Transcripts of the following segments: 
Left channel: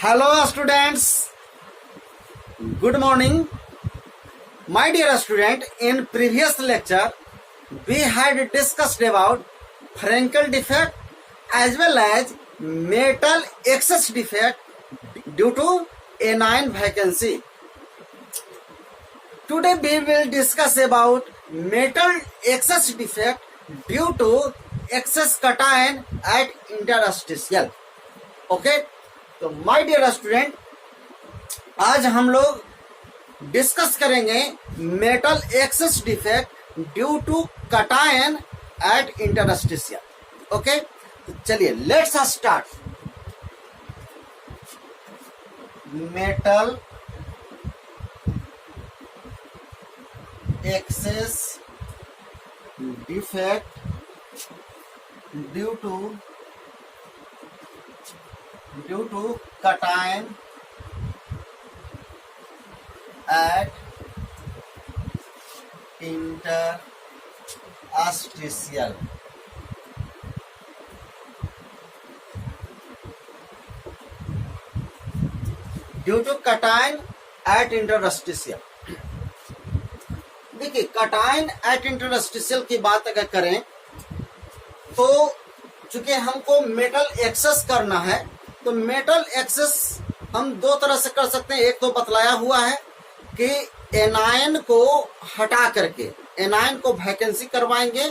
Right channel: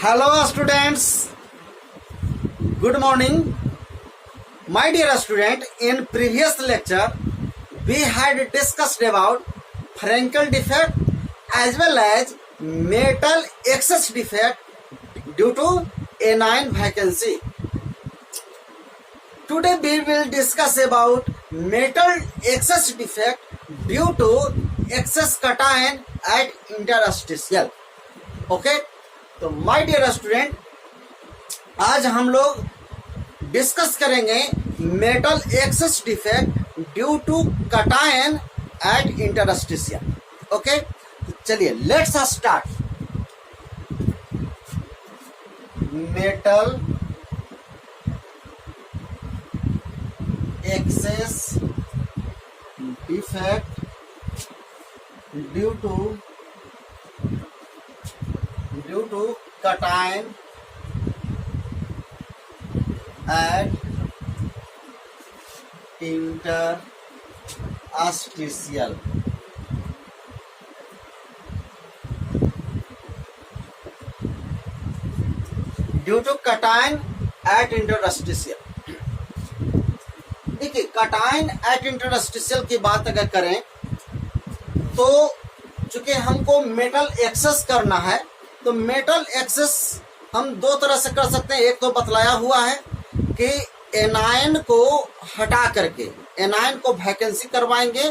Hello students, good morning. My dear student, in previous lecture we had discussed about Frankel defect as well as metal excess defect due to anion vacancy. Today we will discuss about metal excess defect due to excess cation at interstitial. Okay, तो my dear student, आज हम लोग discuss करेंगे metal excess defect due to cation at interstitial. Okay, तो चलिए let's start. Metal excess defect due to cation at interstitial. Due to cation at interstitial. देखिए, cation at interstitial की बात अगर करें तो चूंकि हमको मेटल एक्सेस करना है तो मेटल एक्सेस हम दो तरह से कर सकते हैं. एक तो बतलाया हुआ है कि एनायन को हटा करके एनायन को वैकेंसी करवाएंगे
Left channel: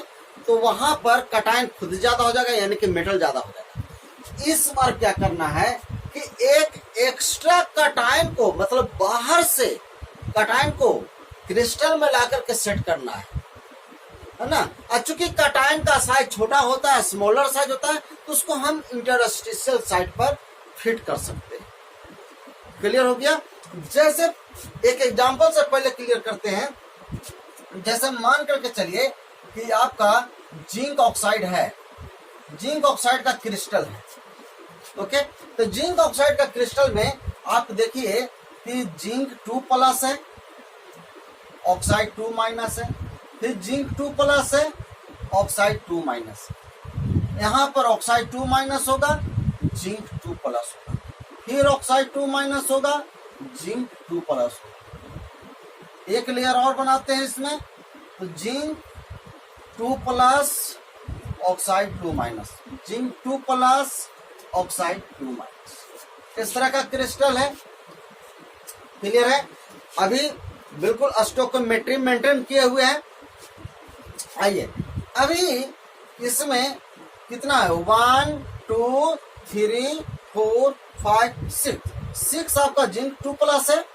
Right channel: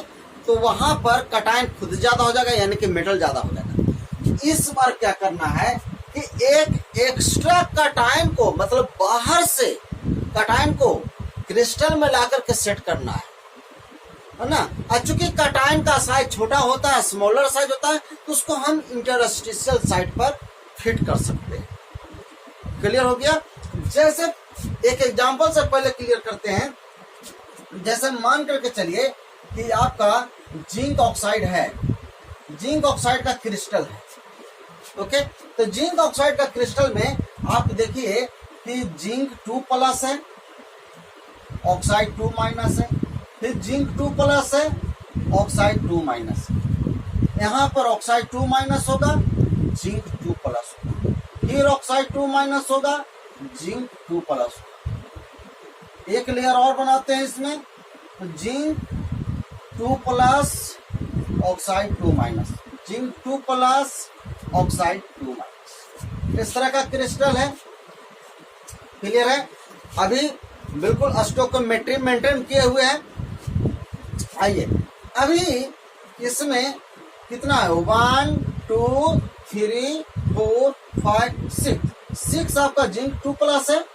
तो वहां पर कटायन खुद ज्यादा हो जाएगा, यानी कि मेटल ज्यादा हो जाएगा. इस बार क्या करना है कि एक एक्स्ट्रा कटायन को, मतलब बाहर से कटायन को क्रिस्टल में लाकर के सेट करना है ना. चूंकि कटायन का साइज छोटा होता है, स्मॉलर साइज होता है, तो उसको हम इंटरस्टिशियल साइट पर फिट कर सकते हैं. क्लियर हो गया. जैसे एक एग्जांपल से पहले क्लियर करते हैं. जैसे मान करके चलिए कि आपका जिंक ऑक्साइड है, जिंक ऑक्साइड का क्रिस्टल है. ओके, तो जिंक ऑक्साइड का क्रिस्टल में आप देखिए कि जिंक 2+ है, ऑक्साइड 2- है, फिर जिंक 2+ है, ऑक्साइड 2- है. यहां पर ऑक्साइड 2- होगा, जिंक 2+ होगा, फिर ऑक्साइड 2- होगा, जिंक 2+ होगा. एक लेयर और बनाते हैं इसमें, तो जिंक 2+, ऑक्साइड 2-, जिंक 2+, ऑक्साइड 2-. इस तरह का क्रिस्टल है. क्लियर है. अभी बिल्कुल स्टोइकोमेट्री मेंटेन किए हुए हैं. आइए, अभी इसमें कितना है, 1 2 3 4 5 6 आपका जिंक 2+ है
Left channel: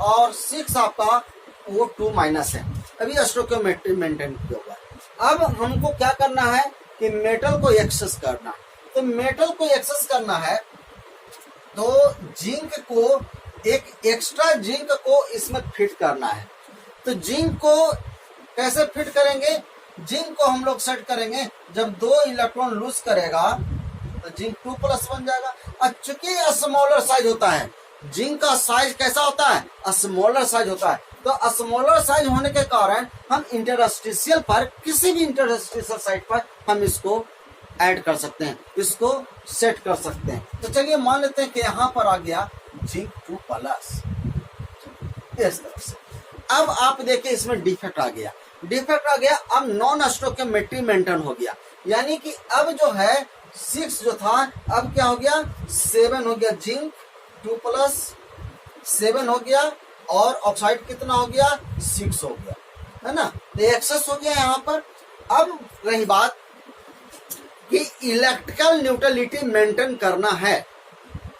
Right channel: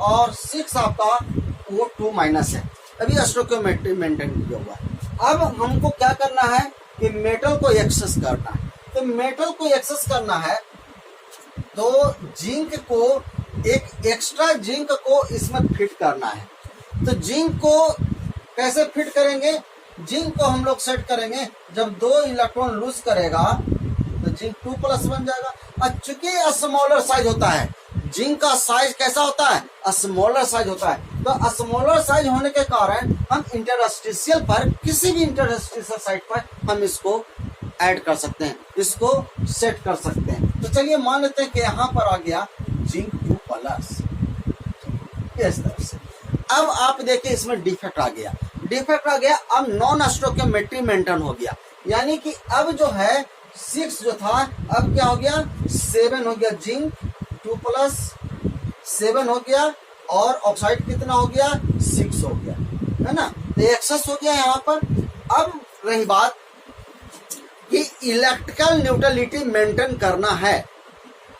और 6 आपका वो 2- है. अभी स्टोइकोमेट्री मेंटेन किया हुआ है. अब हमको क्या करना है कि मेटल को एक्सेस करना है. तो मेटल को एक्सेस करना है तो जिंक को, एक एक्स्ट्रा जिंक को इसमें फिट करना है. तो जिंक को कैसे फिट करेंगे? जिंक को हम लोग सेट करेंगे जब 2 इलेक्ट्रॉन लूज करेगा तो जिंक 2+ बन जाएगा. और चूंकि स्मॉलर साइज होता है, जिंक का साइज कैसा होता है, स्मॉलर साइज होता है. तो स्मॉलर साइज होने के कारण हम इंटरस्टिशियल पर, किसी भी इंटरस्टिशियल साइट पर हम इसको ऐड कर सकते हैं, इसको सेट कर सकते हैं. तो चलिए मान लेते हैं कि यहां पर आ गया जिंक 2+. इस तरह से अब आप देखिए इसमें डिफेक्ट आ गया. अब नॉन स्टोइकोमेट्री मेंटेन हो गया, यानी कि अब जो है 6 जो था, अब क्या हो गया, 7 हो गया. जिंक 2+, 7 हो गया, और ऑक्साइड कितना हो गया, 6 हो गया, है ना. तो एक्सेस हो गया यहाँ पर. अब रही बात कि इलेक्ट्रिकल न्यूट्रलिटी मेंटेन करना है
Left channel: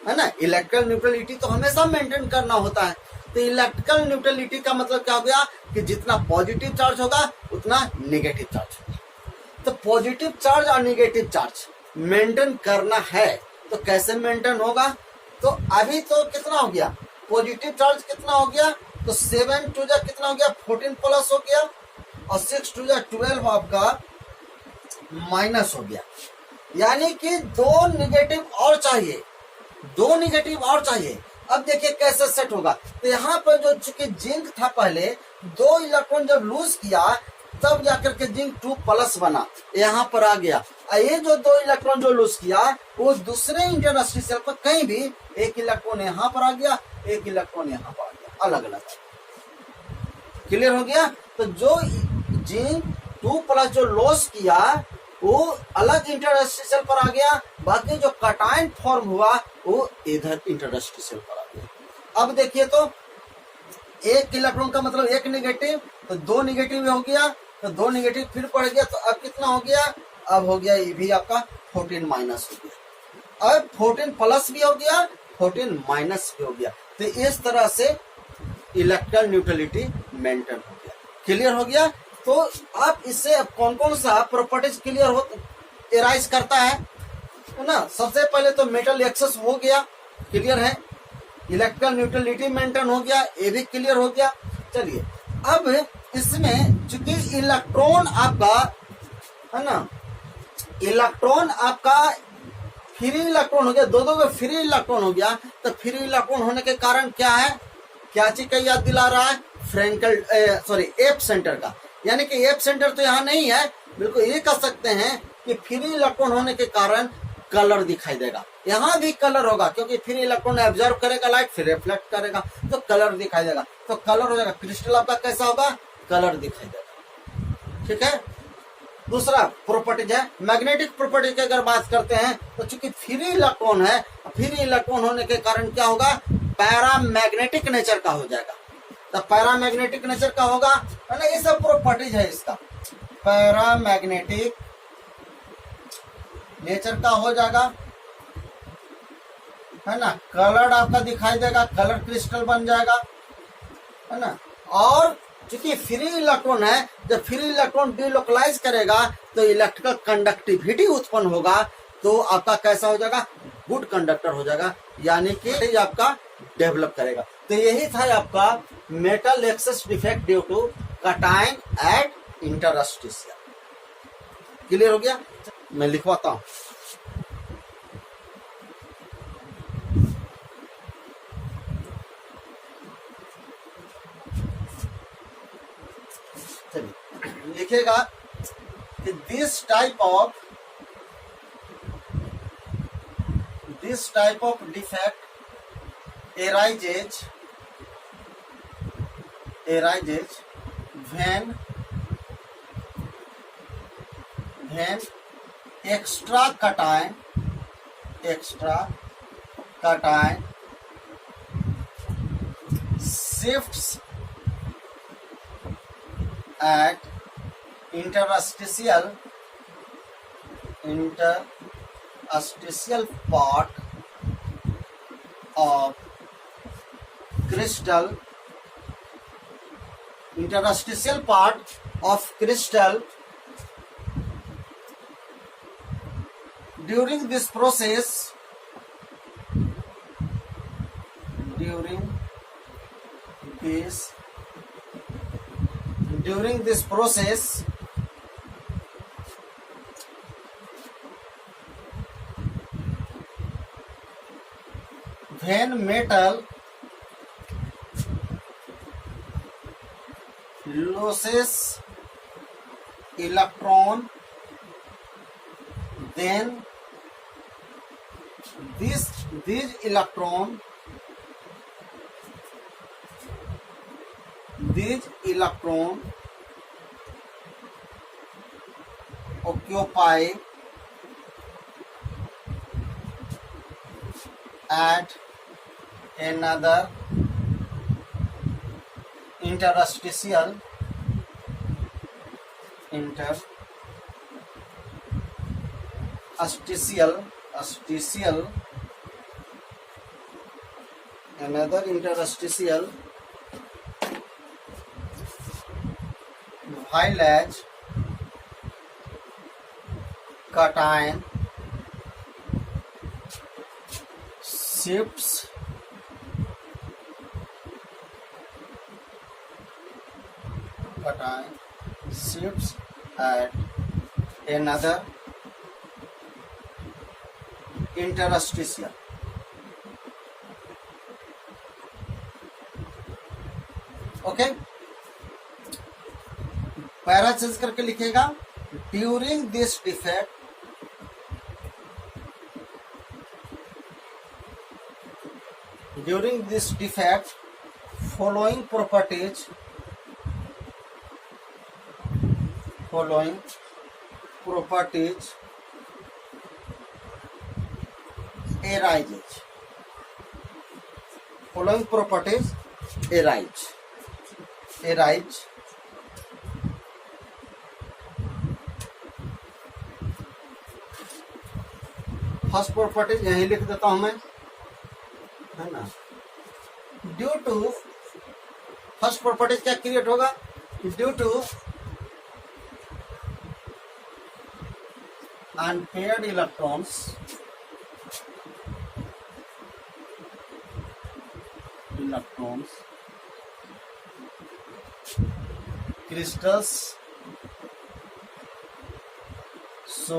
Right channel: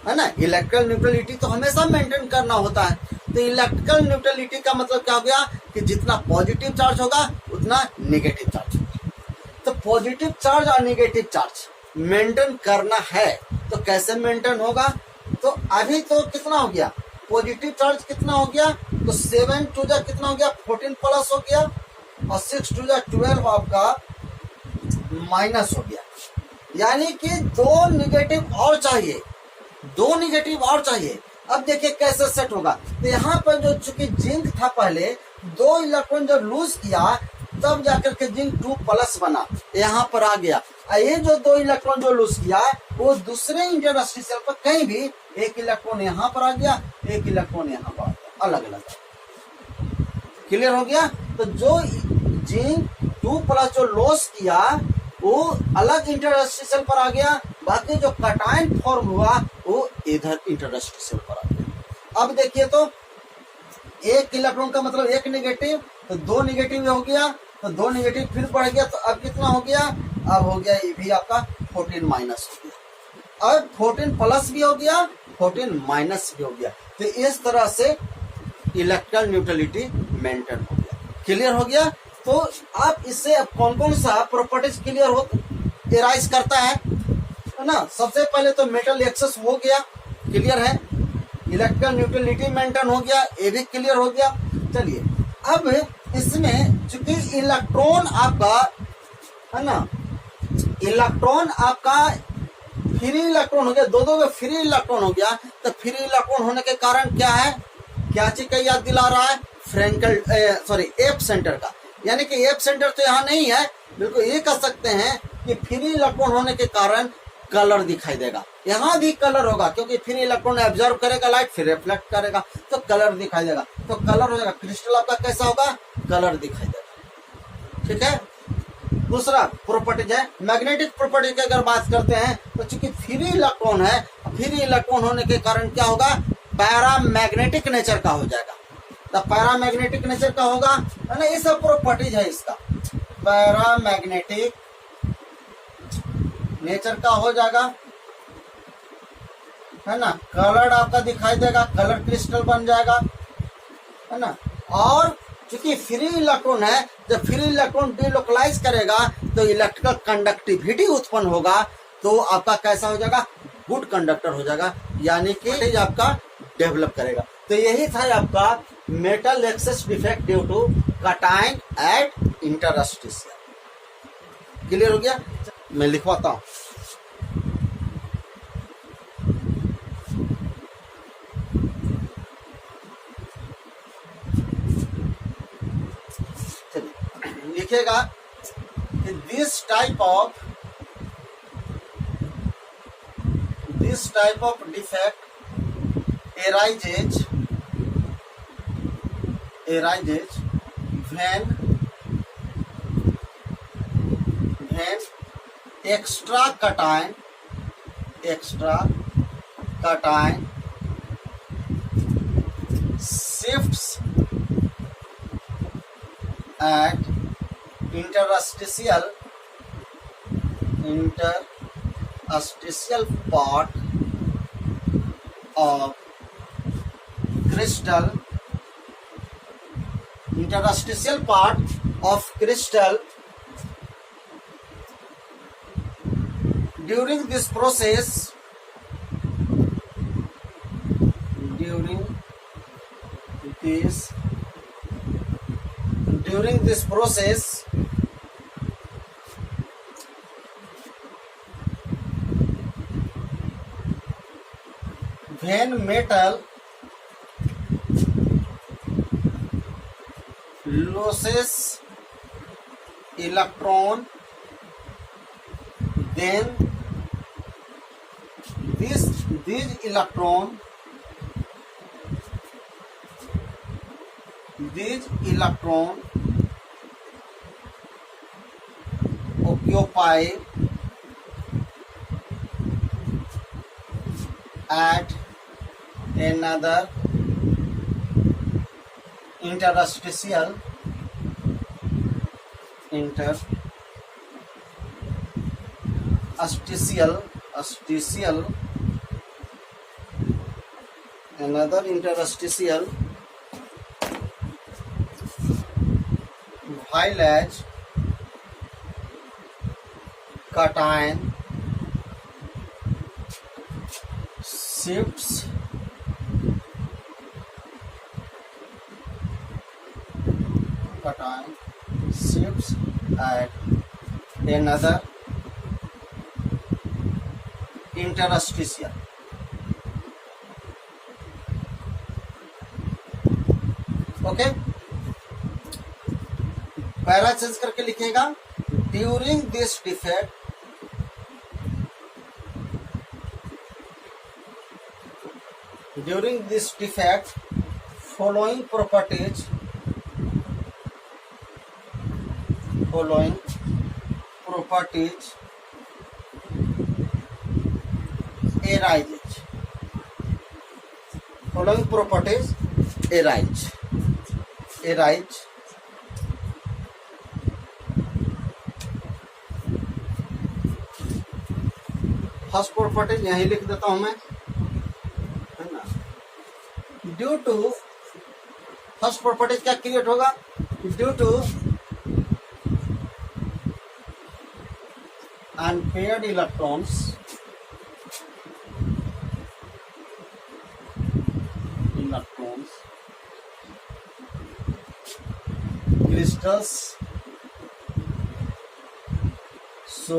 ना. इलेक्ट्रिकल न्यूट्रलिटी तो हमेशा मेंटेन करना होता है. तो इलेक्ट्रिकल न्यूट्रलिटी का मतलब क्या हो गया कि जितना पॉजिटिव चार्ज होगा उतना नेगेटिव चार्ज होगा. तो पॉजिटिव चार्ज और नेगेटिव चार्ज मेंटेन करना है. तो कैसे मेंटेन होगा? तो अभी तो कितना हो गया, पॉजिटिव चार्ज कितना हो गया, तो 7 2 कितना हो गया, 14+ हो गया, और 6 2 12 आपका माइनस हो गया. यानी कि 2 निगेटिव और चाहिए, 2 निगेटिव और चाहिए. अब देखिए कैसे सेट होगा. तो यहाँ पर जो चूंकि जिंक था, पहले 2 इलेक्ट्रॉन जब लूज किया तब जाकर के जिंक 2 प्लस बना, यहाँ पर आ गया। ये जो 2 इलेक्ट्रॉन जो लूज किया वो दूसरे इंटरस्टिशियल पर कहीं भी एक इलेक्ट्रॉन यहाँ पर आ गया, एक इलेक्ट्रॉन यहाँ पर आ गया, अलग अलग। क्लियर हो गया? तो जो जिंक 2 प्लस जो लॉस किया वो अलग इंटरस्टिशियल पर आ गया, बाकी जो कटायन फॉर्म हुआ वो इधर इंटरस्टिशियल पर आ गया। अब देखिए तो एक इलेक्ट्रॉन का मतलब एक नेगेटिव, तो 2 नेगेटिव हो गया, तो 2 नेगेटिव फिर बढ़ गया, तो अब कितना हो गया? अब हो गया ये भी आपका 14 माइनस हो गया। अब 14 प्लस भी हो गया, 14 माइनस भी हो गया। तो इस तरह से इलेक्ट्रॉन न्यूट्रलिटी मेंटेन हो गया। क्लियर हो गया? तो आप इससे अब कौन कौन सा प्रॉपर्टीज क्लियर हो एराइज करता है ना? सबसे पहले तो मेटल एक्सेस हो गया, क्लियर है। इलेक्ट्रॉन न्यूट्रलिटी मेंटेन हो गया, ये भी क्लियर हो गया। चलिए अब इसमें चूंकि इलेक्ट्रॉन आपका है ना, इलेक्ट्रॉन आपका फ्री इलेक्ट्रॉन हो गया, दो फ्री इलेक्ट्रॉन हो गया, तो फ्री इलेक्ट्रॉन होने के कारण क्या है, क्या चीज का याद दिला रहा है? फ्रैंकल एफ सेंटर का। यानी कि एफ सेंटर तो यहाँ नहीं है, बिल्कुल ये कह सकते हैं कि फ्री इलेक्ट्रॉन होने के कारण कलर दिखाई देगा। यहाँ भी कलर होगा क्योंकि फ्री इलेक्ट्रॉन एब्जॉर्ब करेगा लाइट, फिर रिफ्लेक्ट करेगा, तो कलर दिखाई देगा। तो कलर हो जाएगा, क्रिस्टल आपका कैसा होगा? कलर दिखाई देगा। ठीक है। दूसरा प्रॉपर्टीज है मैग्नेटिक प्रॉपर्टी की। अगर बात करते हैं तो चूंकि फ्री इलेक्ट्रॉन है, फ्री इलेक्ट्रॉन होने के कारण क्या होगा? पैरामैग्नेटिक नेचर का हो जाएगा। तो पैरामैग्नेटिक नेचर का होगा, है ना? ये सब प्रॉपर्टीज है इसका, पैरामैग्नेटिक नेचर का हो जाएगा, है ना? कलर आपका दिखाई देगा, कलर क्रिस्टल बन जाएगा, है ना? और क्योंकि फ्री इलेक्ट्रॉन है, जब फ्री इलेक्ट्रॉन डिलोकलाइज करेगा तो इलेक्ट्रिकल कंडक्टिविटी उत्पन्न होगा, तो आपका कैसा हो जाएगा? गुड कंडक्टर हो जाएगा, यानी कि आपका डेवलप करेगा। तो यही था आपका metal excess defect due to cation at interstitial. Clear हो गया? मैं लिखवाता हूं। लिखेगा this type of defect arises when extra cation shifts at interstitial part of crystal, interstitial part of crystal. During this process, when metal loses electron, then these electron occupy at another interstitial another interstitial while as cation shifts at another interstitial. Okay, para change करके लिखेगा, during this defect following properties arise. First property यही लिख देता हूं मैं, है ना। Due to first property क्या क्रिएट होगा, due to unpaired electrons crystals so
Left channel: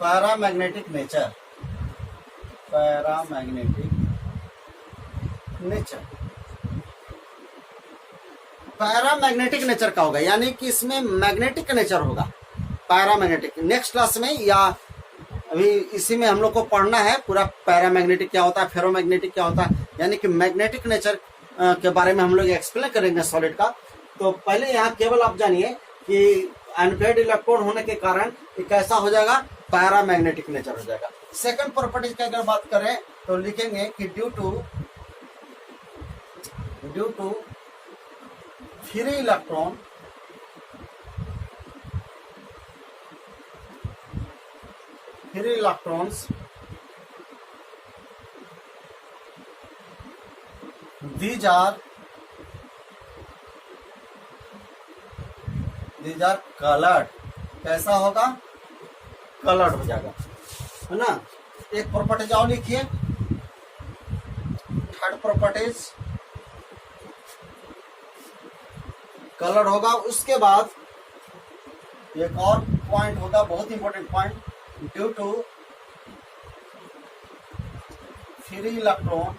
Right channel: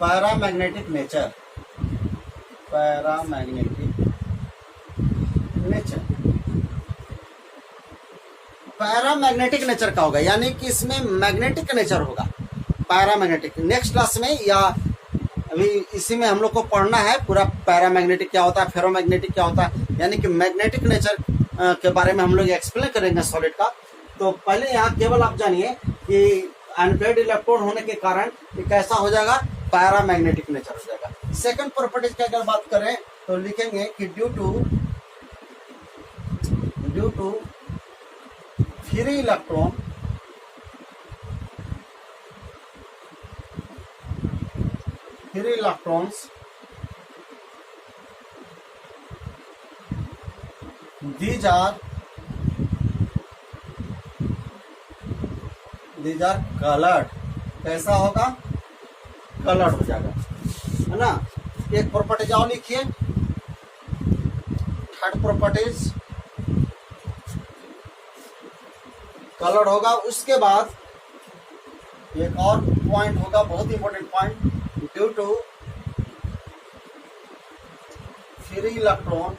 paramagnetic nature paramagnetic nature का होगा, यानी कि इसमें मैग्नेटिक नेचर होगा, पैरामैग्नेटिक। नेक्स्ट क्लास में या अभी इसी में हम लोग को पढ़ना है पूरा पैरामैग्नेटिक क्या होता है, फेरोमैग्नेटिक क्या होता है, यानी कि मैग्नेटिक नेचर के बारे में हम लोग एक्सप्लेन करेंगे सॉलिड का। तो पहले यहाँ केवल आप जानिए कि अनपेयर्ड इलेक्ट्रॉन होने के कारण ये कैसा हो जाएगा, पैरामैग्नेटिक नेचर हो जाएगा। सेकंड प्रॉपर्टीज की अगर बात करें तो लिखेंगे कि due to free electrons these are colored, कैसा होगा, कलर्ड हो जाएगा, है ना। एक प्रॉपर्टीज और लिखिए, थर्ड प्रॉपर्टीज कलर्ड होगा। उसके बाद एक और पॉइंट होगा, बहुत important point, due to free electron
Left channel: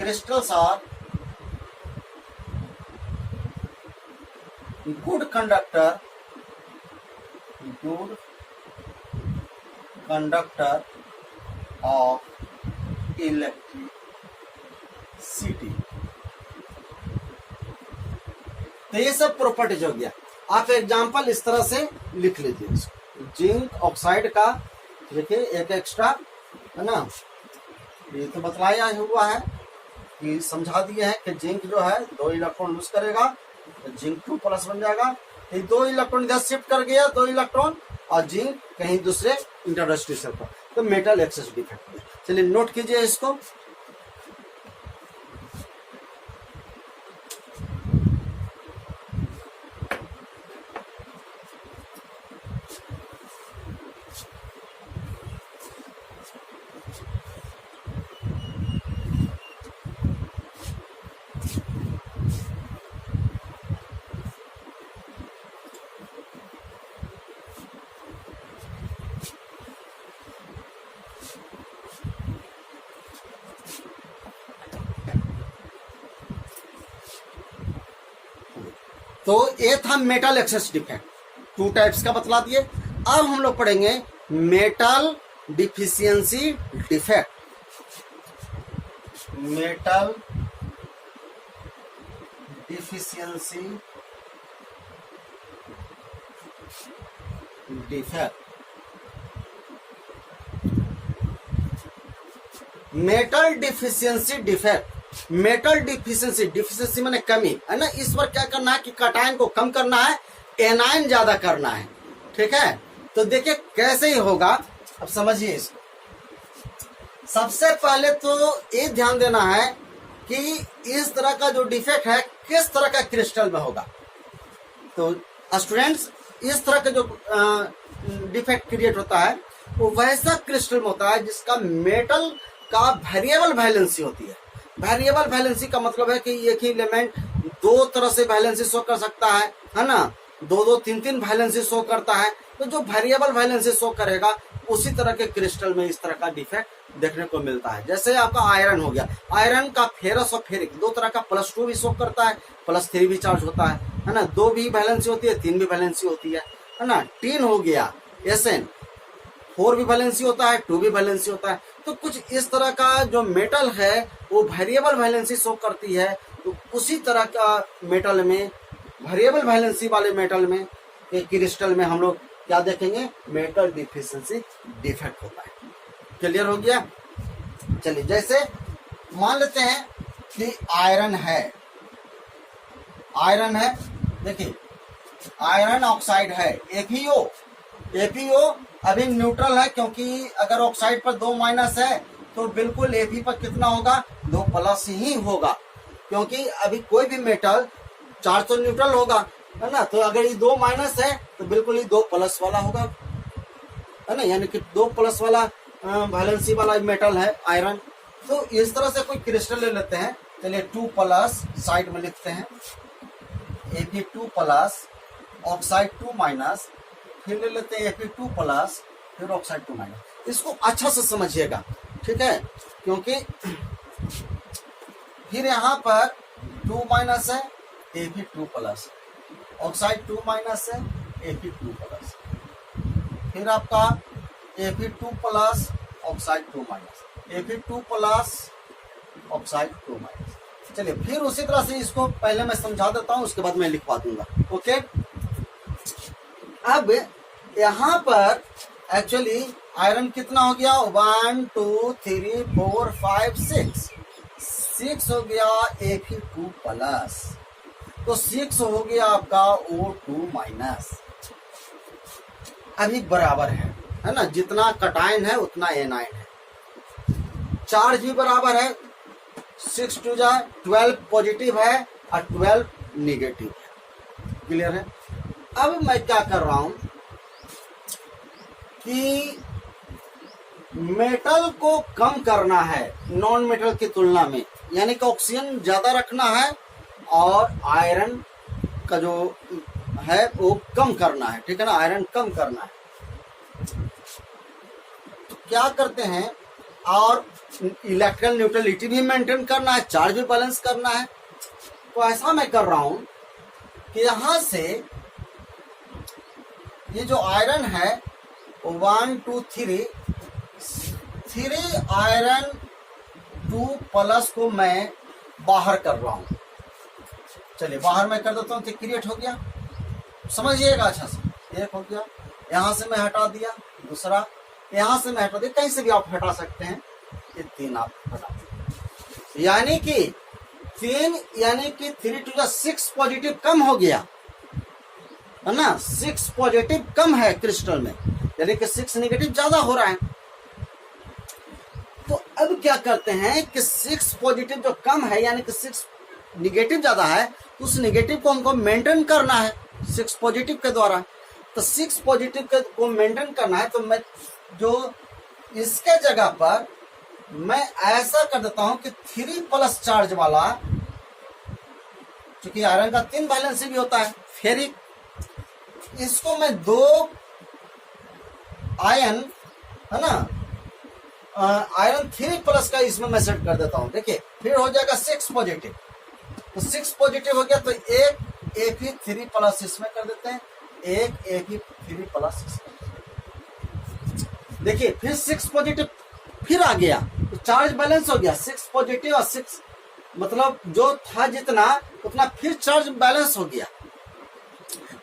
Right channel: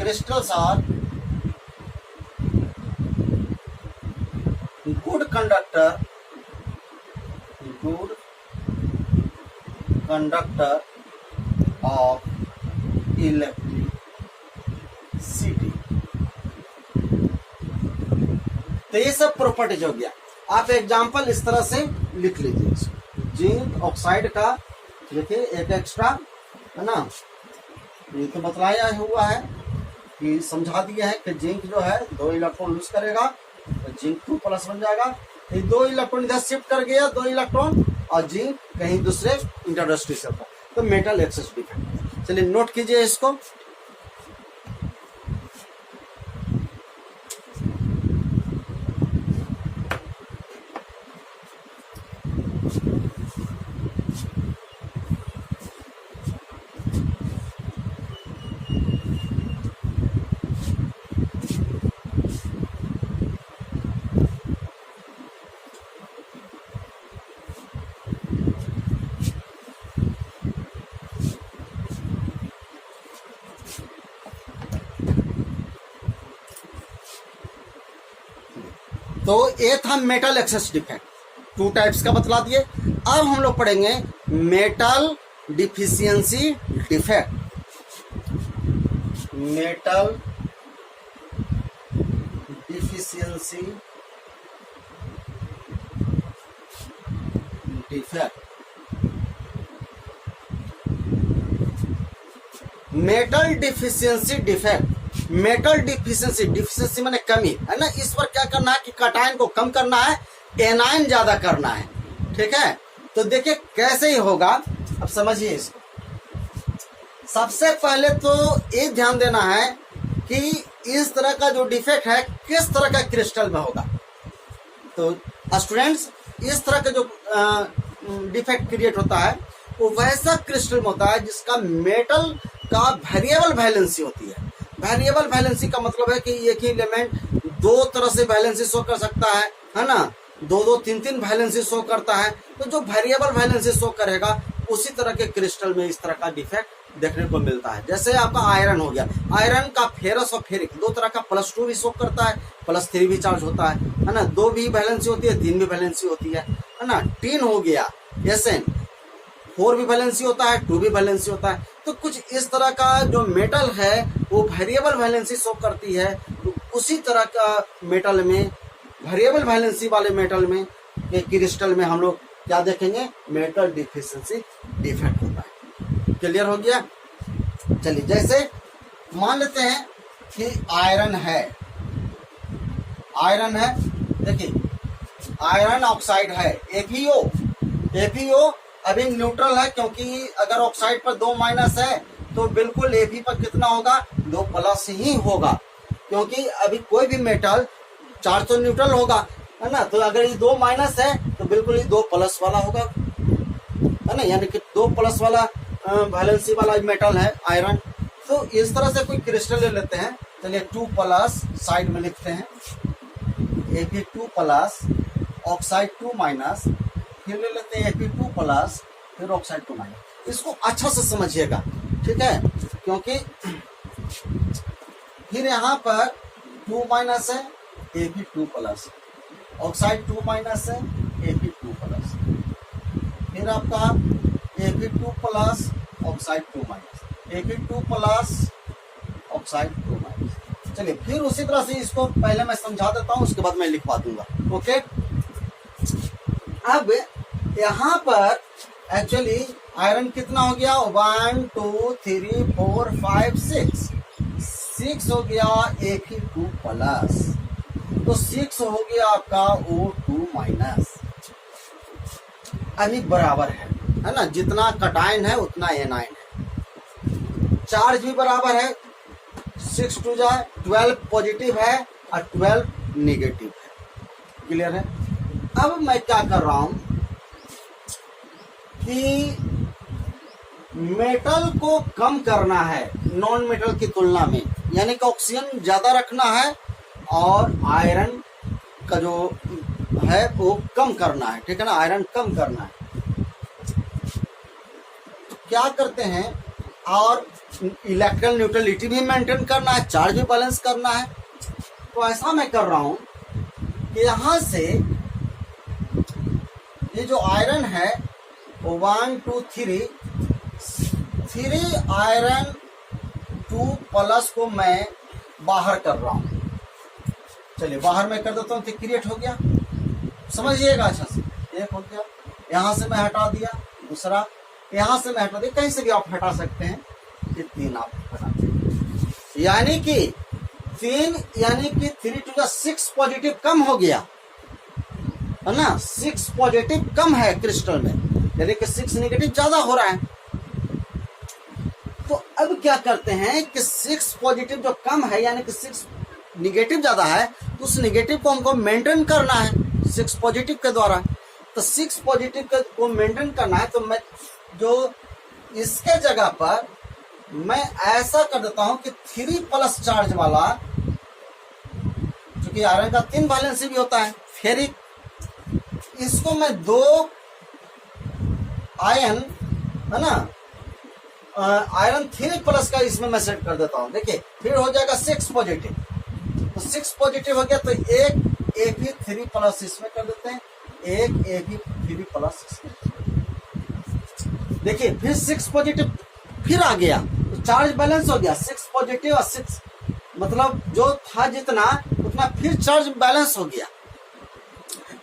crystals are good conductor of electricity। तो ये सब प्रॉपर्टीज हो गया। आप एग्जांपल इस तरह से लिख लीजिए, जिंक ऑक्साइड का देखिए एक एक्स्ट्रा, है ना, ये तो बतलाया हुआ है कि समझा दिया है कि जिंक जो है 2 इलेक्ट्रॉन लूज करेगा तो जिंक 2+ बन जाएगा। ये 2 इलेक्ट्रॉन इधर शिफ्ट कर गया, 2 इलेक्ट्रॉन, और जिंक कहीं दूसरे इंटरस्टिशियल पर, तो मेटल एक्सेस डिफेक्ट। चलिए नोट कीजिए इसको। तो ये था मेटल एक्सेस डिफेक्ट, 2 टाइप्स का बतला दिए। अब हम लोग पढ़ेंगे metal deficiency defect. Metal deficiency defect. Metal deficiency defect, metal deficiency माने कमी, है ना। इस पर क्या करना है कि कैटायन को कम करना है, एनायन ज्यादा करना है, ठीक है। तो देखिए कैसे ही होगा, अब समझिए इसको। सबसे पहले तो ये ध्यान देना है कि इस तरह का जो डिफेक्ट है किस तरह का क्रिस्टल में होगा। तो स्टूडेंट्स, इस तरह का जो डिफेक्ट क्रिएट होता है वो वैसा क्रिस्टल में होता है जिसका मेटल का वेरिएबल वैलेंसी होती है। वेरिएबल वैलेंसी का मतलब है कि एक ही एलिमेंट 2 तरह से वैलेंसी शो कर सकता है ना, 2-2, 3-3 वैलेंसी शो करता है। तो जो वेरिएबल वैलेंसी शो करेगा उसी तरह के क्रिस्टल में इस तरह का डिफेक्ट देखने को मिलता है। जैसे आपका आयरन हो गया, आयरन का फेरस और फेरिक दो तरह का +2 भी शो करता है, +3 भी चार्ज होता है ना। 2 भी वैलेंसी होती है, 3 भी वैलेंसी होती है ना। टीन हो गया Sn, 4 भी वैलेंसी होता है, 2 भी वैलेंसी होता है। तो कुछ इस तरह का जो मेटल है वो वेरिएबल वैलेंसी शो करती है। तो उसी तरह का मेटल में, वेरिएबल वैलेंसी वाले मेटल में, एक क्रिस्टल में हम लोग क्या देखेंगे, मेटल डिफिशिएंसी डिफेक्ट होता है। क्लियर हो गया। चलिए, जैसे मान लेते हैं कि आयरन है, देखिए आयरन ऑक्साइड है, एफीओ अभी न्यूट्रल है, क्योंकि अगर ऑक्साइड पर 2 माइनस है तो बिल्कुल एफी पर कितना होगा, 2 प्लस ही होगा, क्योंकि अभी कोई भी मेटल चार्ज तो न्यूट्रल होगा, है ना। तो अगर ये 2 माइनस है तो बिल्कुल ये 2 प्लस वाला होगा, है ना, यानी कि 2 प्लस वाला वैलेंसी वाला मेटल है आयरन। तो इस तरह से कोई क्रिस्टल ले लेते हैं। चलिए 2 प्लस साइड में लिखते हैं, Fe2 प्लस, ऑक्साइड 2 माइनस, फिर ले लेते हैं Fe2 प्लस, फिर ऑक्साइड 2 माइनस। इसको अच्छा से समझिएगा, ठीक है, क्योंकि फिर यहाँ पर 2 माइनस है, Fe2 प्लस, ऑक्साइड 2 माइनस है, Fe2 प्लस, फिर आपका Fe2 plus, oxide 2 minus, Fe2 plus, oxide 2 minus. चलिए फिर उसी तरह से इसको पहले मैं समझा देता हूं, उसके बाद मैं लिखवा दूंगा। ओके, अब यहां पर एक्चुअली आयरन कितना हो गया, 1 2 3 4 5 6 हो गया Fe2 प्लस, तो 6 हो गया आपका O2 माइनस। अभी बराबर है ना, जितना कटायन है उतना एनायन है। चार्ज भी बराबर है, 6 2 जा 12 पॉजिटिव है और 12 निगेटिव है। क्लियर है। अब मैं क्या कर रहा हूं कि मेटल को कम करना है नॉन मेटल की तुलना में, यानी कि ऑक्सीजन ज्यादा रखना है और आयरन का जो है वो कम करना है, ठीक है ना, आयरन कम करना है। तो क्या करते हैं, और इलेक्ट्रॉन न्यूट्रलिटी भी मेंटेन करना है, चार्ज भी बैलेंस करना है। तो ऐसा मैं कर रहा हूं कि यहां से ये जो आयरन है 1 2 3 आयरन 2 प्लस को मैं बाहर कर रहा हूं। चलिए बाहर मैं कर देता हूं, तो क्रिएट हो गया, समझिएगा अच्छा से। एक हो गया, यहां से मैं हटा दिया, दूसरा यहां से मैं हटा दिया, कहीं से भी आप हटा सकते हैं। ये 3 आप हटा दिए, यानी कि 3 यानी कि 3 2 6 पॉजिटिव कम हो गया, है ना, 6 पॉजिटिव कम है क्रिस्टल में, यानी कि 6 नेगेटिव ज्यादा हो रहा है। तो अब क्या करते हैं कि 6 पॉजिटिव जो कम है, यानी कि 6 निगेटिव ज्यादा है, तो उस निगेटिव को हमको मेंटेन करना है 6 पॉजिटिव के द्वारा। तो 6 पॉजिटिव को मेंटेन करना है, तो मैं जो इसके जगह पर मैं ऐसा कर देता हूं कि 3 प्लस चार्ज वाला, क्योंकि आयरन का 3 वैलेंसी भी होता है, फेरिक, इसको मैं 2 आयन, है ना, आयरन 3 प्लस का इसमें मैं सेट कर देता हूं। देखिए फिर हो जाएगा 6 पॉजिटिव, तो 6 पॉजिटिव हो गया, तो एक Fe3 प्लस इसमें कर देते हैं, एक Fe3 प्लस इसमें। देखिए फिर 6 पॉजिटिव फिर आ गया, तो चार्ज बैलेंस हो गया, 6 पॉजिटिव और 6 मतलब जो था जितना उतना, फिर चार्ज बैलेंस हो गया,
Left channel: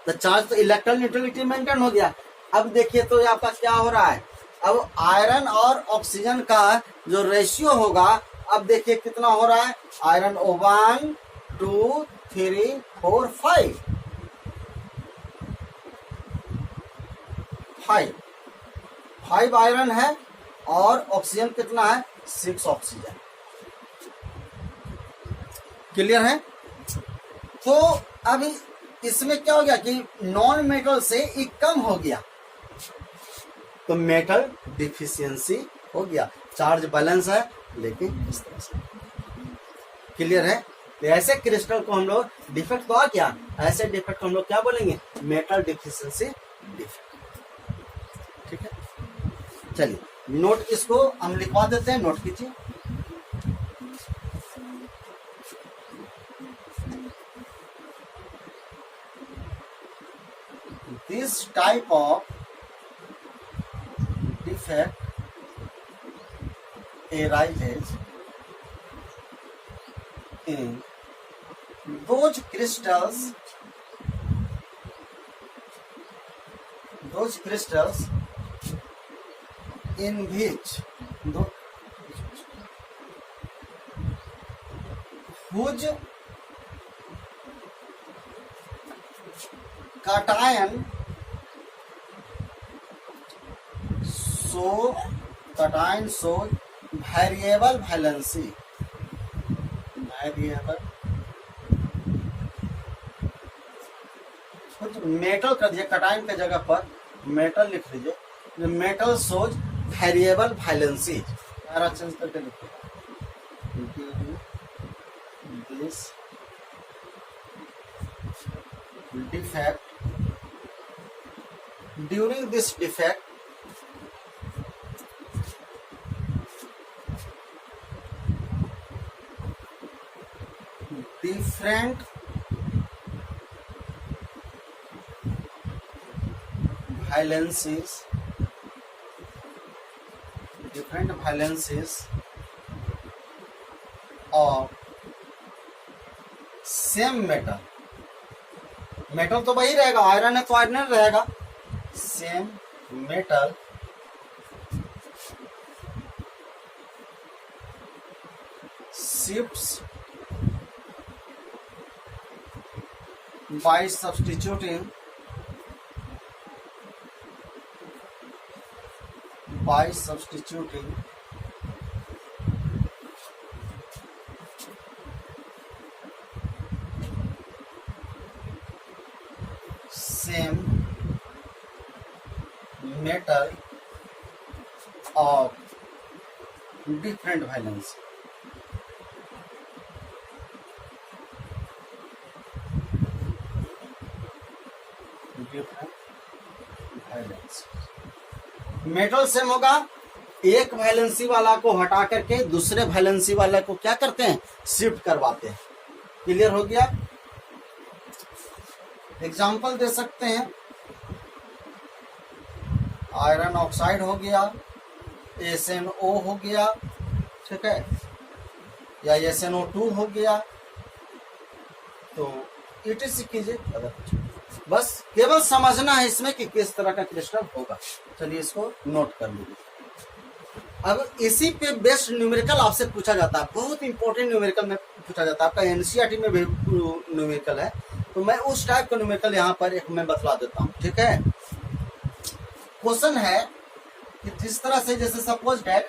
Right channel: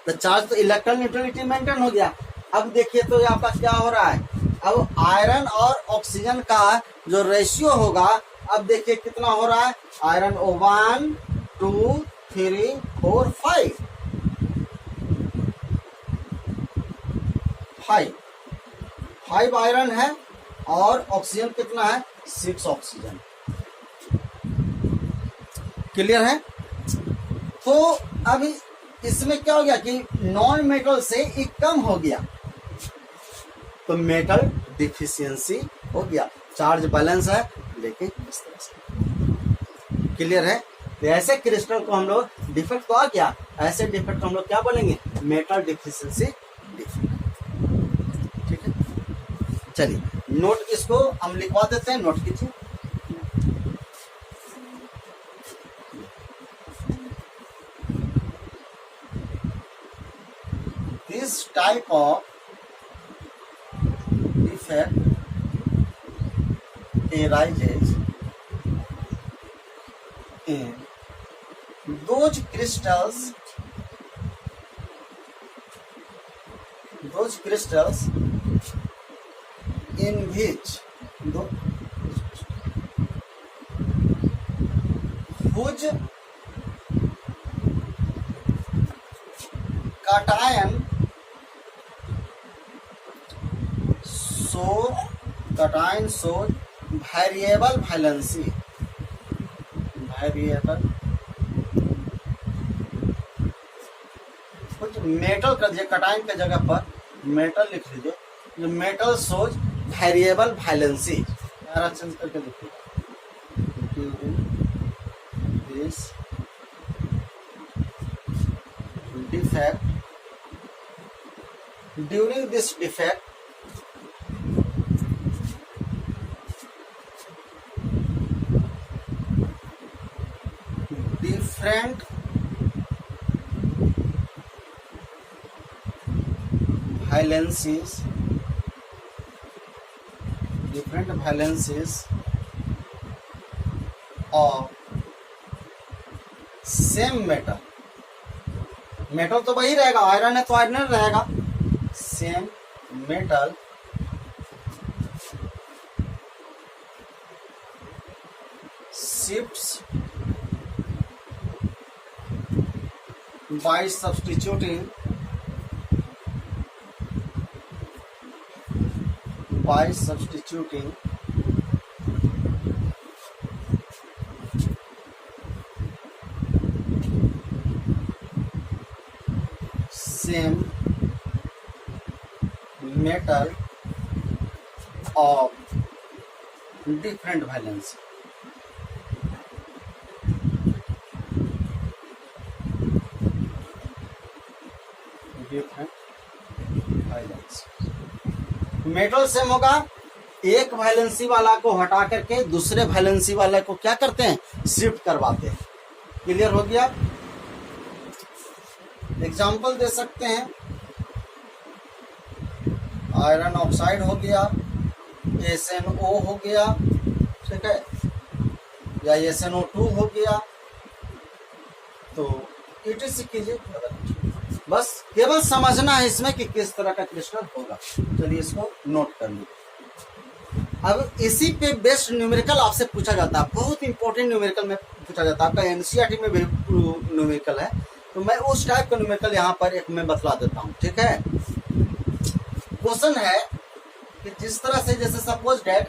तो चार्ज तो इलेक्ट्रॉन न्यूट्रलिटी मेंटेन हो गया। अब देखिए तो आपका क्या हो रहा है, अब आयरन और ऑक्सीजन का जो रेशियो होगा, अब देखिए कितना हो रहा है, आयरन 1 2 3 4 5 आयरन है और ऑक्सीजन कितना है, 6 ऑक्सीजन। क्लियर है। तो अभी इसमें क्या हो गया कि नॉन मेटल से एक कम हो गया, तो मेटल डिफिशियंसी हो गया, चार्ज बैलेंस है लेकिन इस तरह से। क्लियर है। तो ऐसे क्रिस्टल को हम लोग डिफेक्ट तो आ गया, ऐसे डिफेक्ट हम लोग क्या बोलेंगे, मेटल डिफिशियंसी डिफेक्ट। ठीक है। चलिए नोट इसको हम लिखवा देते हैं, नोट कीजिए। This type of defect arises in those crystals in which whose cation show variable valency, कुछ मेटल कर दिए, कटाइन के जगह पर मेटल लिख लीजिए। जो metal shows variable valency, change करके लिखिए this defect, during this defect different valencies of same metal, metal तो वही रहेगा, आयरन है तो आयरन रहेगा, same metal shifts by substituting same metal of different valence. Metal same होगा, एक वैलेंसी वाला को हटा करके दूसरे वैलेंसी वाले को क्या करते हैं, शिफ्ट करवाते हैं। क्लियर हो गया? एग्जाम्पल दे सकते हैं, आयरन ऑक्साइड हो गया, SnO हो गया, ठीक है, या SnO2 हो गया, तो ETC कीजिए। बस केवल समझना है इसमें कि किस तरह का क्रिस्टल होगा। चलिए इसको नोट कर लीजिए। अब इसी पे बेस्ड न्यूमेरिकल आपसे पूछा जाता है, बहुत इंपॉर्टेंट न्यूमेरिकल में पूछा जाता है, आपका NCERT में भी न्यूमेरिकल है, तो मैं उस टाइप का न्यूमेरिकल यहाँ पर एक मैं बतला देता हूँ, ठीक है। क्वेश्चन है कि जिस तरह से, जैसे सपोज डेट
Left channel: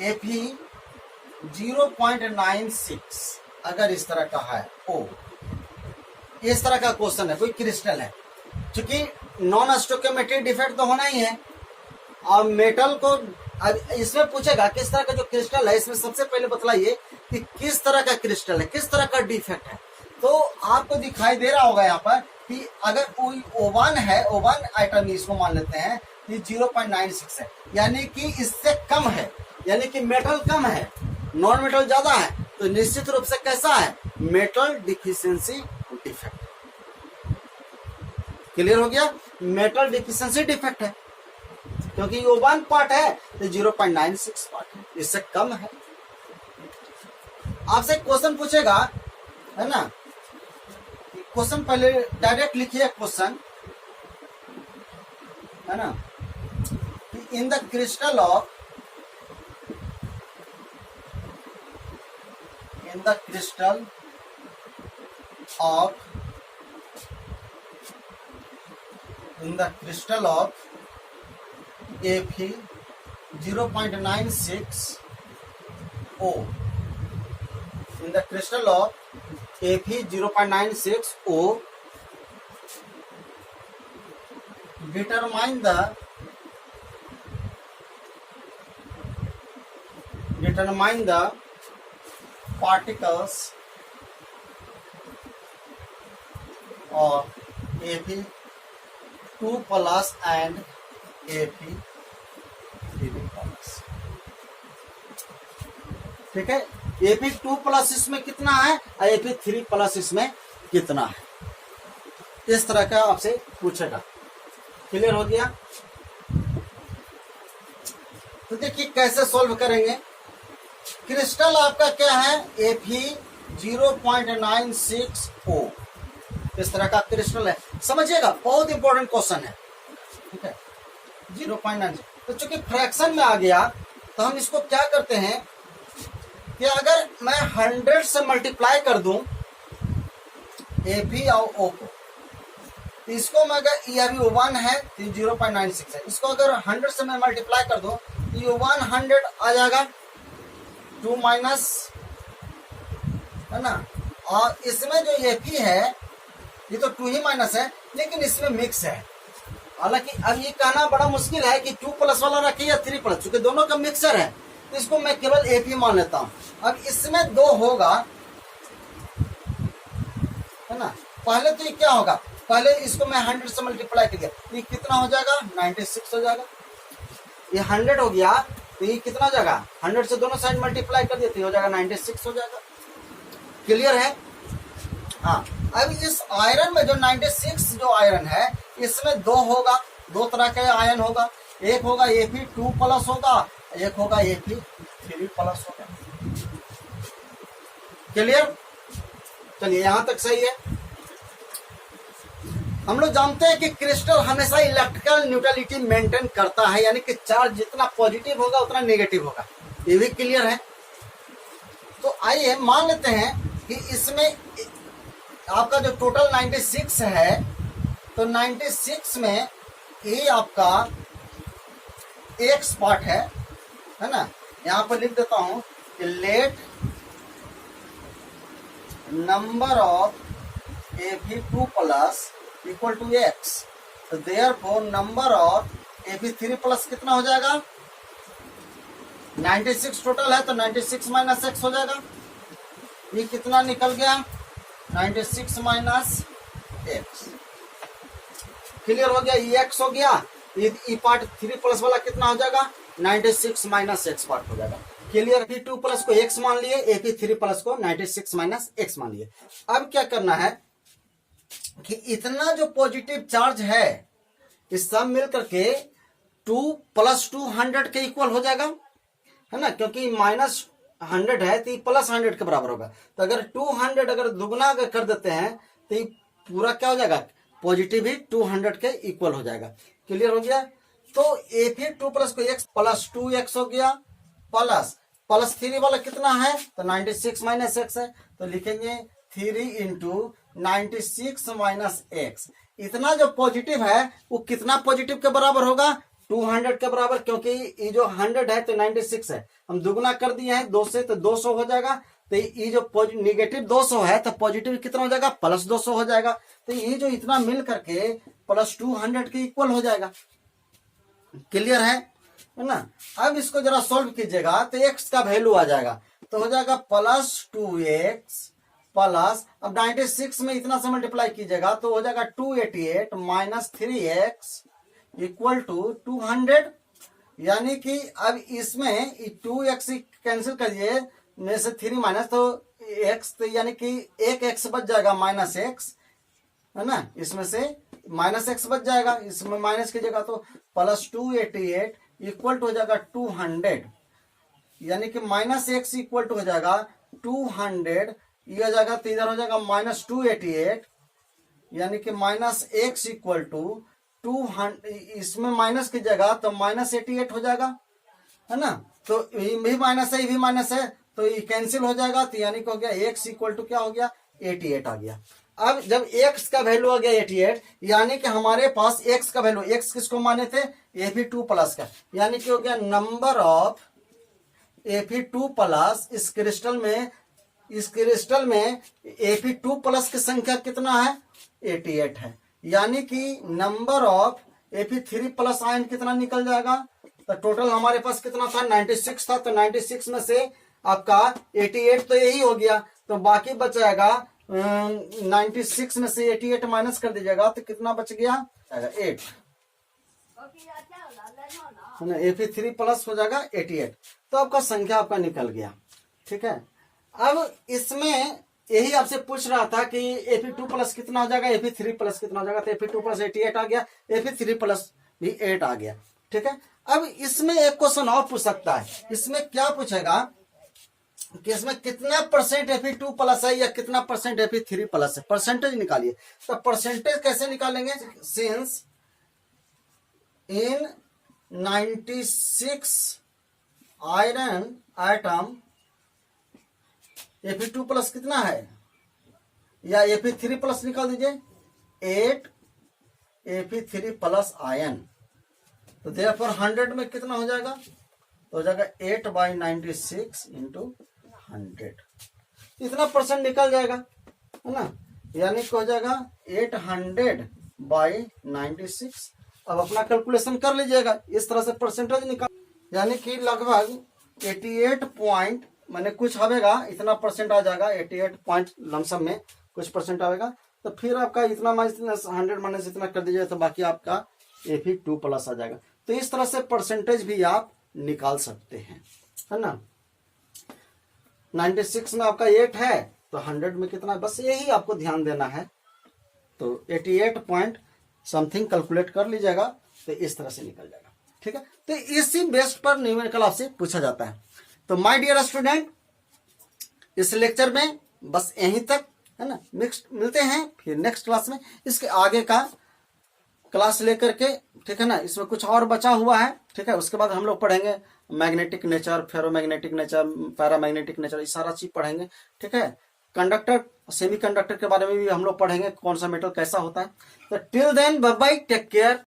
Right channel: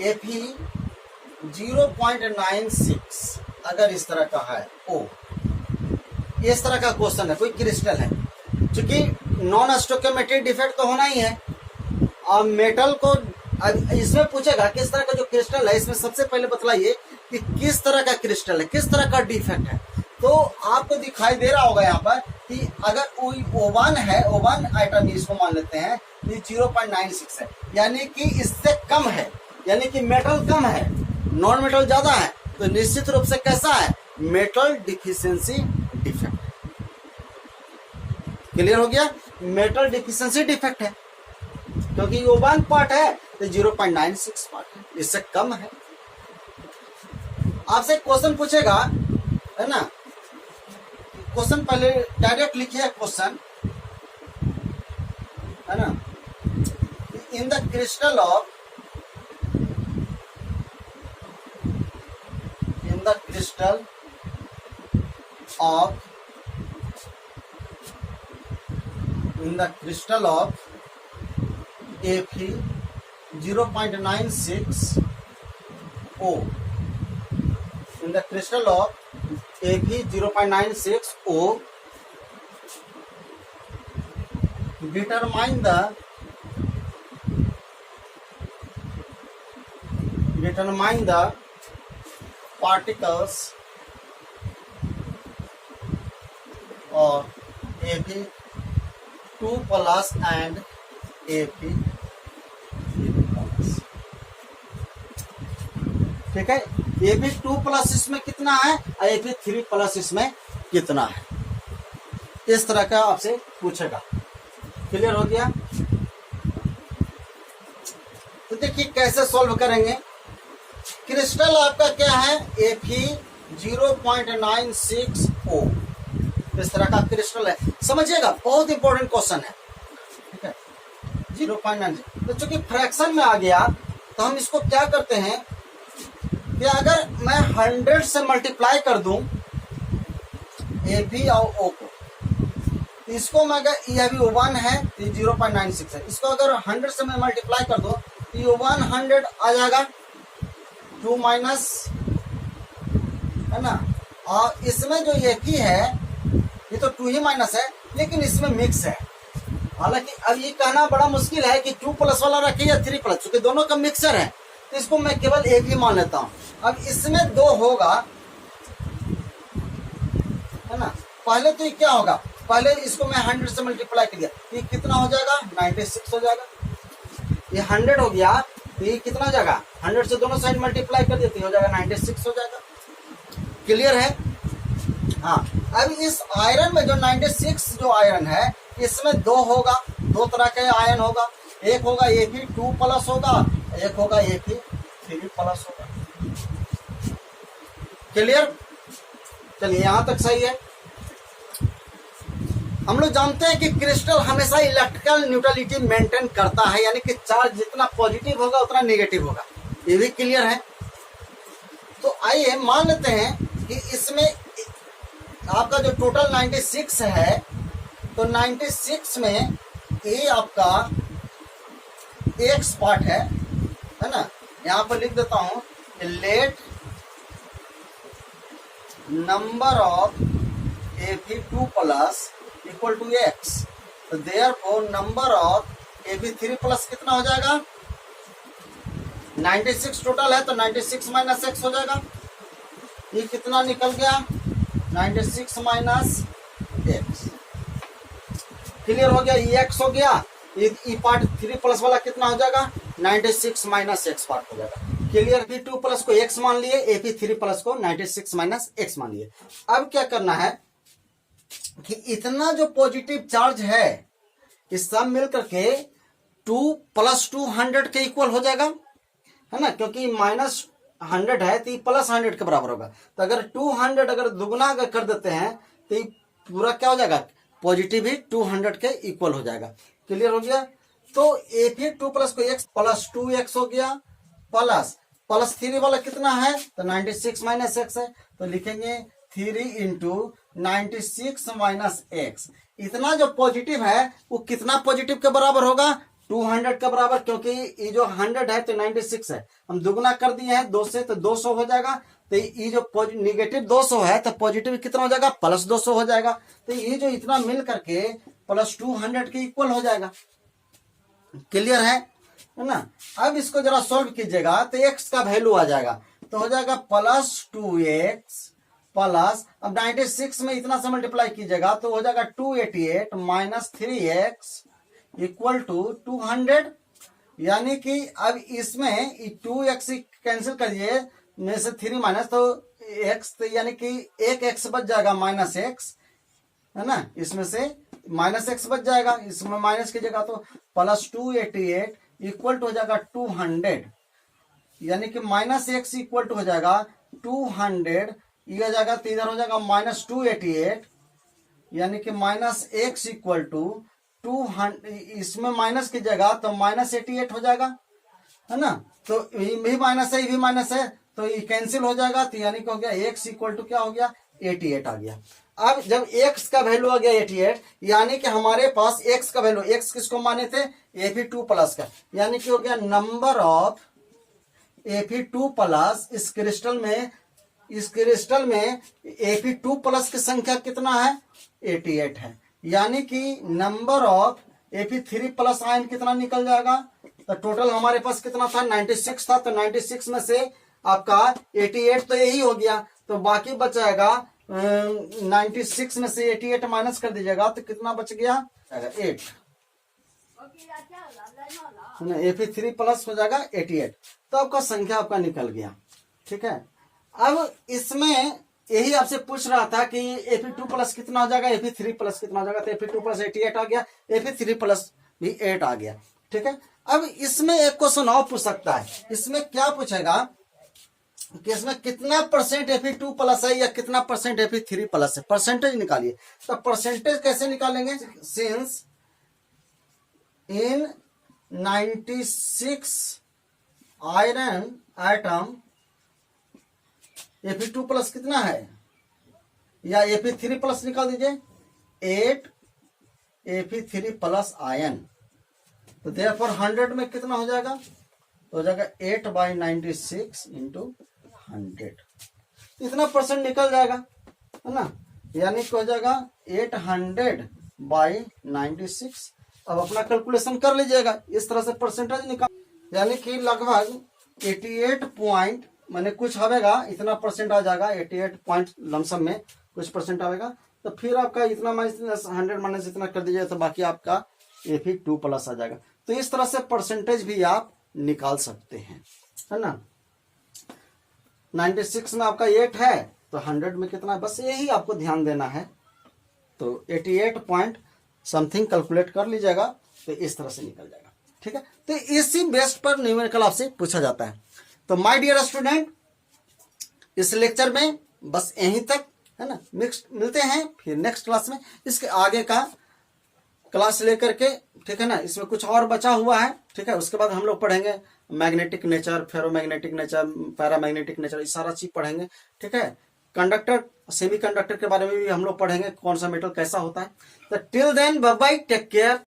Fe 0.96 अगर इस तरह का है O, इस तरह का क्वेश्चन है, कोई क्रिस्टल है, क्योंकि नॉन स्टोइकियोमेट्रिक डिफेक्ट तो होना ही है, और मेटल को इसमें पूछेगा किस तरह का जो क्रिस्टल है, इसमें सबसे पहले बतलाइए कि किस तरह का क्रिस्टल है, किस तरह का डिफेक्ट है। तो आपको दिखाई दे रहा होगा यहाँ पर कि अगर कोई O1 है, O1 आइटम इसको मान लेते हैं, ये 0.96 है, यानी कि इससे कम है, यानी कि मेटल कम है, नॉन मेटल ज्यादा है, तो निश्चित रूप से कैसा है, मेटल डिफिशियंसी डिफेक्ट। क्लियर हो गया? मेटल डिफिशियंसी डिफेक्ट है, क्योंकि वो 1 पार्ट है तो 0.96 पार्ट है, इससे कम है। आपसे क्वेश्चन पूछेगा, है ना, क्वेश्चन पहले डायरेक्ट लिखिए क्वेश्चन, है ना, in the crystal of Fe 0.96O, in the crystal of Fe 0.96O, determine the particles of Fe2+ and Fe3+. X. ठीक है, Fe2 प्लस इसमें कितना है और Fe3 प्लस इसमें कितना है, इस तरह का आपसे पूछेगा। क्लियर हो गया? तो देखिए कैसे सॉल्व करेंगे। क्रिस्टल आपका क्या है, Fe0.96O, इस तरह का क्रिस्टल है। समझिएगा, बहुत इंपॉर्टेंट क्वेश्चन है। ठीक है, 0.96। तो चूंकि फ्रैक्शन में आ गया तो हम इसको क्या करते हैं कि अगर मैं 100 से मल्टीप्लाई कर दूं Fe और O को, तो इसको मैं अगर ये अभी 1 है तो 0.96 है, इसको अगर 100 से मैं मल्टीप्लाई कर दूं तो ये 100 आ जाएगा, 2 माइनस, है ना। और इसमें जो Fe है ये तो 2 ही माइनस है, लेकिन इसमें मिक्स है। हालांकि अब ये कहना बड़ा मुश्किल है कि 2 प्लस वाला रखिए या 3 प्लस, क्योंकि दोनों का मिक्सचर है, तो इसको मैं केवल Fe मान लेता हूं। अब इसमें 2 होगा, है ना। पहले तो ये क्या होगा, पहले इसको मैं 100 से मल्टीप्लाई कर दिया, ये कितना हो जाएगा, 96 हो जाएगा। ये 100 हो गया तो ये कितना हो जाएगा, 100 से दोनों साइड मल्टीप्लाई कर देते हो जाएगा 96 हो जाएगा। क्लियर है? हाँ, अब इस आयरन में जो 96 जो आयरन है इसमें 2 होगा, 2 तरह का आयरन होगा, एक होगा Fe2 प्लस होगा, एक होगा Fe3 प्लस होगा। क्लियर? चलिए यहां तक सही है। हम लोग जानते हैं कि क्रिस्टल हमेशा इलेक्ट्रिकल न्यूट्रलिटी मेंटेन करता है, यानी कि चार्ज जितना पॉजिटिव होगा उतना नेगेटिव होगा। ये भी क्लियर है। तो आइए मान लेते हैं कि इसमें आपका जो टोटल 96 है, तो 96 में ये आपका एक्स पार्ट है ना। यहां पर लिख देता हूं, let number of Fe2 plus equal to X, तो therefore number of Fe3 plus कितना हो जाएगा, 96 टोटल है तो 96 माइनस एक्स हो जाएगा। ये कितना निकल गया, 96 माइनस एक्स। क्लियर हो गया? ये एक्स हो गया, ये पार्ट 3 प्लस वाला कितना हो जाएगा, 96 माइनस एक्स पार्ट हो जाएगा। क्लियर? Fe2 प्लस को एक्स मान लिए, Fe3 प्लस को 96 माइनस एक्स मान लिए। अब क्या करना है कि इतना जो पॉजिटिव चार्ज है इस सब मिलकर के 2 प्लस 200 के इक्वल हो जाएगा, है ना, क्योंकि माइनस 100 है तो ये प्लस 100 के बराबर होगा। तो अगर 200 अगर दुगना अगर कर देते हैं तो ये पूरा क्या हो जाएगा, पॉजिटिव ही 200 के इक्वल हो जाएगा। क्लियर हो गया? तो Fe2 प्लस को एक्स प्लस 2x हो गया, प्लस प्लस 3 वाला कितना है, तो 96 माइनस एक्स है, तो लिखेंगे 3 इंटू 96 माइनस एक्स। इतना जो पॉजिटिव है वो कितना पॉजिटिव के बराबर होगा, 200 के बराबर, क्योंकि ये जो 100 है तो 96 है, हम दुगना कर दिए हैं 2 से, तो 200 हो जाएगा। तो ये जो निगेटिव 200 है तो पॉजिटिव कितना हो जाएगा, प्लस 200 हो जाएगा। तो ये जो इतना मिल करके प्लस 200 के इक्वल हो जाएगा। क्लियर है ना? अब इसको जरा सॉल्व कीजिएगा तो एक्स का वैल्यू आ जाएगा, तो हो जाएगा प्लस 2x प्लस, अब 96 में इतना से मल्टीप्लाई कीजिएगा तो हो जाएगा 288 माइनस 3x इक्वल टू 200। यानी कि अब इसमें 2x कैंसिल करिए, में से 3 माइनस तो x, तो यानी कि एक x बच जाएगा माइनस x, है ना, इसमें से माइनस एक्स बच जाएगा, इसमें माइनस कीजिएगा तो प्लस 288 इक्वल टू हो जाएगा 200, यानी कि माइनस एक्स इक्वल टू हो जाएगा 200, ये हो जाएगा तो इधर हो जाएगा माइनस 288, यानी कि माइनस एक्स इक्वल टू 200, इसमें माइनस कीजिएगा तो माइनस 88 हो जाएगा, है ना। तो ये भी माइनस है, ये भी माइनस है, तो ये कैंसिल हो जाएगा, तो यानी कि हो गया एक्स इक्वल टू क्या हो गया, 88 आ गया। अब जब x का वैल्यू आ गया 88, यानी कि हमारे पास x का वैल्यू, x किसको माने थे, Fe2 प्लस का, यानी कि हो गया नंबर ऑफ Fe2 प्लस इस क्रिस्टल में Fe2 प्लस की संख्या कितना है, 88 है। यानी कि number of Fe3 plus ion कितना निकल जाएगा, तो टोटल हमारे पास कितना था, 96 था, तो 96 में से आपका 88 तो यही हो गया, तो बाकी बच जाएगा 96 में से 88 माइनस कर दीजिएगा तो कितना बच गया, 8। है ना, Fe3 प्लस हो जाएगा 88। तो आपका संख्या आपका निकल गया। ठीक है, अब इसमें यही आपसे पूछ रहा था कि Fe2 प्लस कितना हो जाएगा, Fe3 प्लस कितना हो जाएगा। तो Fe2 प्लस 88 आ गया, Fe3 प्लस भी 8 आ गया। ठीक है, अब इसमें एक क्वेश्चन और पूछ सकता है। इसमें क्या पूछेगा कि इसमें कितना परसेंट Fe2 प्लस है या कितना परसेंट Fe3 प्लस है, परसेंटेज निकालिए। तो परसेंटेज कैसे निकालेंगे, since in 96 iron item Fe2 plus कितना है, या Fe3 प्लस निकाल दीजिए, 8 Fe3 प्लस आयन। तो देयरफॉर 100 में कितना हो जाएगा, तो हो जाएगा 8/96 इंटू 100, इतना परसेंट निकल जाएगा, है ना। यानी कि हो जाएगा 800/96। अब अपना कैलकुलेशन कर लीजिएगा, इस तरह से परसेंटेज निकाल, यानी कि लगभग 88 पॉइंट मैंने कुछ आवेगा, इतना परसेंट आ जाएगा, 88 पॉइंट लमसम में कुछ परसेंट आएगा। तो फिर आपका इतना माइनस 100 माइनस इतना कर दीजिए, तो बाकी आपका Fe2 प्लस आ जाएगा। तो इस तरह से परसेंटेज भी आप निकाल सकते हैं, है ना। 96 में आपका 8 है, तो 100 में कितना है, बस यही आपको ध्यान देना है। तो 88 पॉइंट समथिंग कैलकुलेट कर लीजिएगा, तो इस तरह से निकल जाएगा। ठीक है, तो इसी बेस पर न्यूमेरिकल आपसे पूछा जाता है। तो माय डियर स्टूडेंट, इस लेक्चर में बस यहीं तक, है ना। नेक्स्ट मिलते हैं फिर नेक्स्ट क्लास में, इसके आगे का क्लास लेकर के, ठीक है ना। इसमें कुछ और बचा हुआ है, ठीक है। उसके बाद हम लोग पढ़ेंगे magnetic nature, ferromagnetic nature, paramagnetic nature, ये सारा चीज पढ़ेंगे। ठीक है, कंडक्टर, सेमी कंडक्टर के बारे में भी हम लोग पढ़ेंगे, कौन सा मेटल कैसा होता है। तो till then bye bye, take care.